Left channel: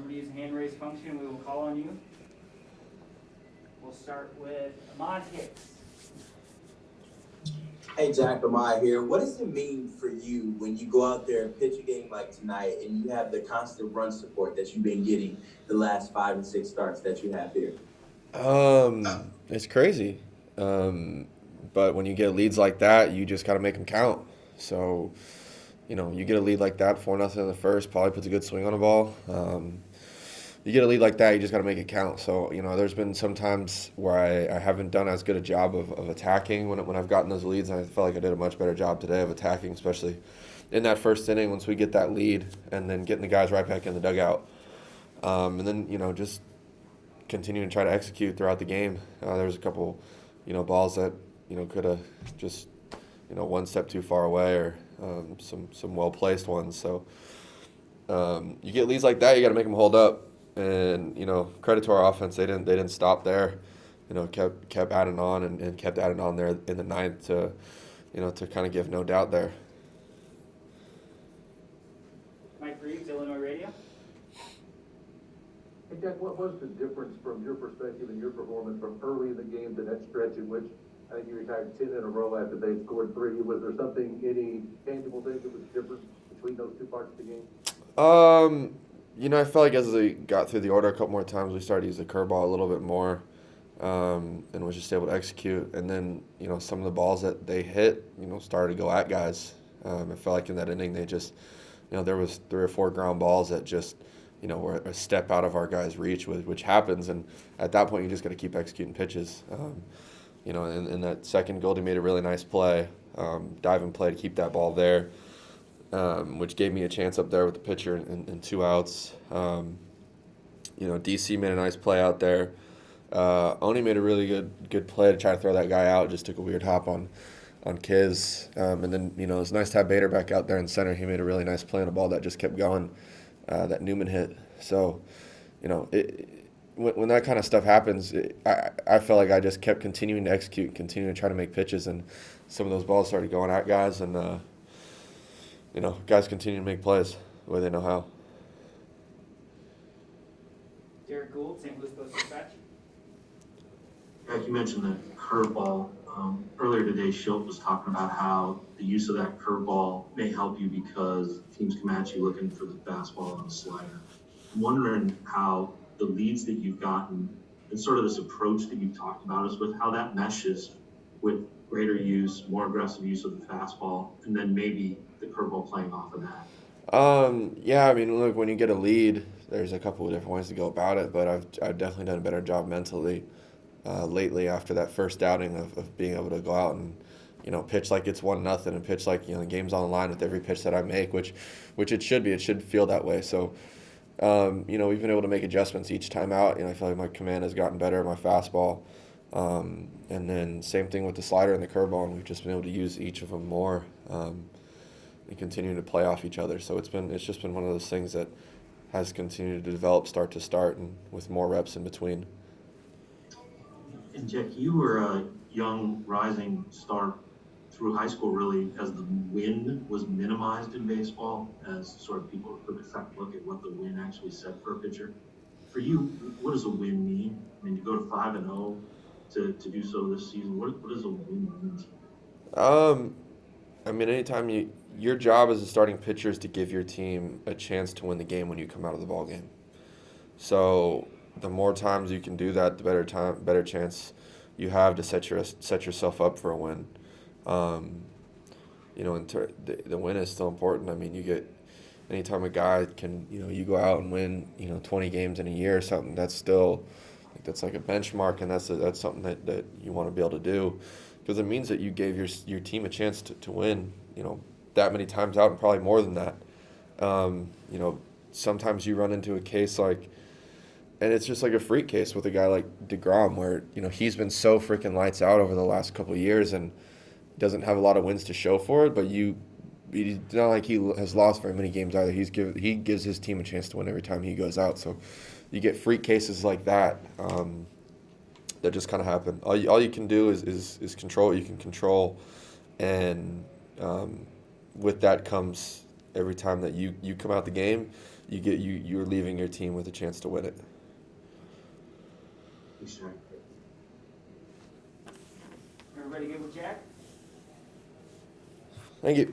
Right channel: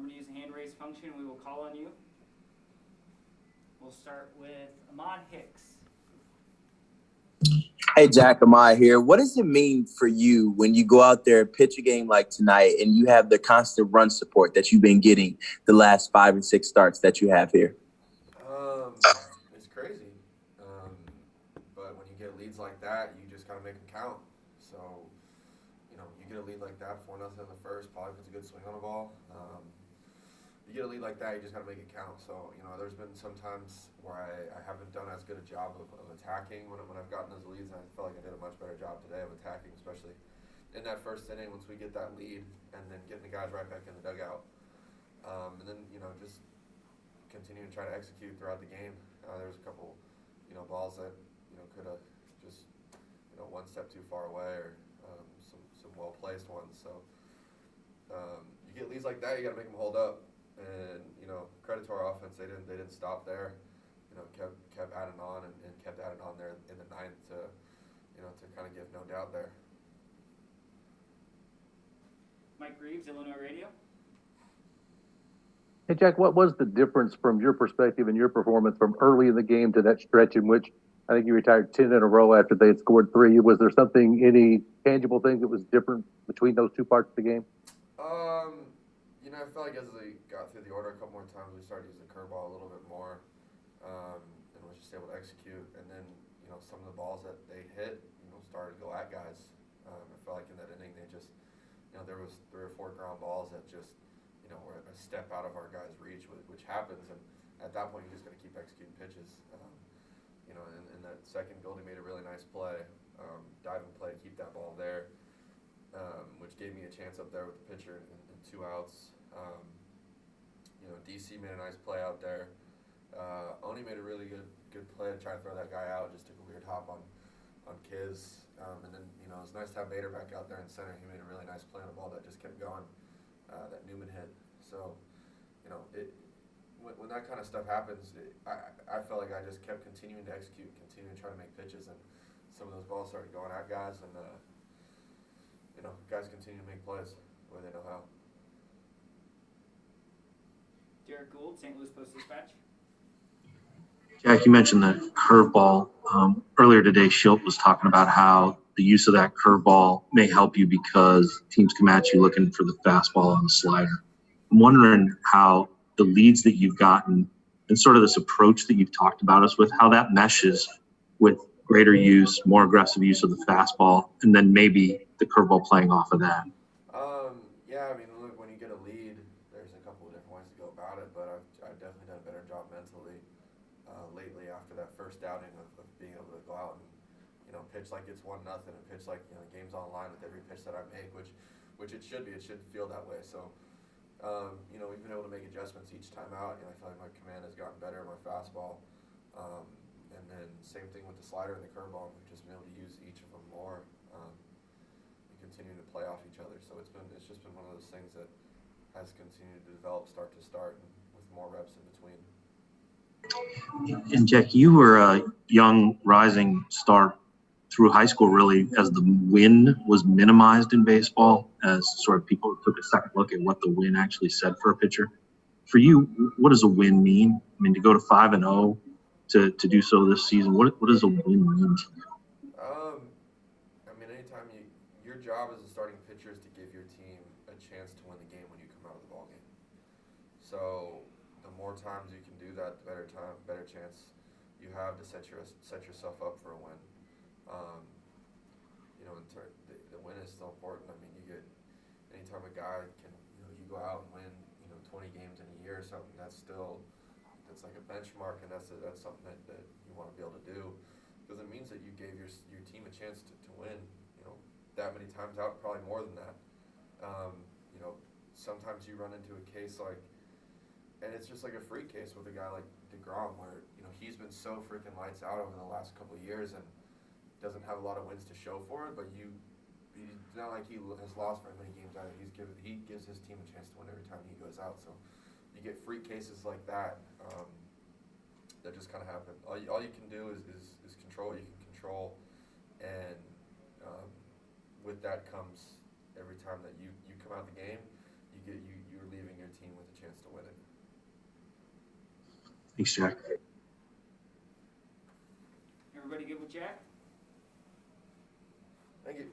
Remember to use the hand raise function. We will call on you. We'll start with Ahmad Hicks. Hey, Jack, Amai here. What does it mean for you when you go out there and pitch a game like tonight and you have the constant run support that you've been getting the last 5 and 6 starts that you have here? It's crazy. But when you get leads like that, you just got to make them count. So, you get a lead like that, 4-0 in the first, probably puts a good swing on the ball. You get a lead like that, you just got to make it count. So, there's been some times where I haven't done as good a job of attacking when I've gotten those leads, and I felt like I did a much better job today of attacking, especially in that first inning once we get that lead and then getting the guys right back in the dugout. And then, just continuing to try to execute throughout the game. There was a couple, balls that, could have just, one step too far away or some well-placed ones. So you get leads like that, you got to make them hold up. And, credit to our offense, they didn't stop there. Kept adding on and kept adding on there in the ninth to kind of give no doubt there. Mike Reeves, Illinois Radio. Hey, Jack, what was the difference from your perspective and your performance from early in the game to that stretch in which I think you retired 10 in a row after they had scored 3? Was there any tangible thing that was different between those two parts of the game? I felt like as they got through the order a couple more times, we started to use the curveball a little bit more and was just able to execute. And then, some of the balls that they hit, started to go at guys. I felt like in that inning they just, there was 3 or 4 ground balls that just, were a step out of our guys' reach, which happens. And at that point, you just got to keep executing pitches. In that second, Goldie made a really nice play, diving play to keep that ball there, which gave me a chance up there with the pitcher and 2 outs. DC made a nice play out there. Oni made a really good play to try to throw that guy out. Just took a weird hop on Kiz. And then, it was nice to have Bader back out there in center. He made a really nice play on a ball that just kept going, that Newman hit. So, when that kind of stuff happens, I felt like I just kept continuing to execute, continuing to try to make pitches, and some of those balls started going at guys, and guys continue to make plays the way they know how. Derek Gould, St. Louis Post-Dispatch. Jack, you mentioned the curveball. Earlier today, Schilt was talking about how the use of that curveball may help you because teams come at you looking for the fastball and the slider. I'm wondering how the leads that you've gotten and sort of this approach that you've talked about us with, how that meshes with greater use, more aggressive use of the fastball, and then maybe the curveball playing off of that. Look, when you get a lead, there's a couple of different ways to go about it, but I've definitely done a better job mentally lately after that first outing of being able to go out and pitch like it's 1-0 and pitch like the game's on the line with every pitch that I make, which it should be. It should feel that way. So we've been able to make adjustments each time out. I feel like my command has gotten better, my fastball, and then same thing with the slider and the curveball, and we've just been able to use each of them more and continue to play off each other. So it's just been one of those things that has continued to develop start to start and with more reps in between. And Jack, you were a young rising star through high school, really, as the win was minimized in baseball, as sort of people took a second look at what the win actually said for a pitcher. For you, what does a win mean? I mean, to go to 5-0, to do so this season, what does a win mean to you? Anytime your job as a starting pitcher is to give your team a chance to win the game when you come out of the ball game. So the more times you can do that, the better chance you have to set yourself up for a win. The win is still important. Anytime a guy can, you go out and win, 20 games in a year or something, that's like a benchmark, and that's something that you want to be able to do, because it means that you gave your team a chance to win, that many times out, and probably more than that. Sometimes you run into a case and it's just like a freak case with a guy like DeGrom, where he's been so freaking lights out over the last couple of years and doesn't have a lot of wins to show for it. But it's not like he has lost very many games either. He gives his team a chance to win every time he goes out. So you get freak cases like that that just kind of happen. All you can do is control what you can control, and with that comes every time that you come out the game, you're leaving your team with a chance to win it. Thanks, Jack. Everybody good with Jack? Thank you.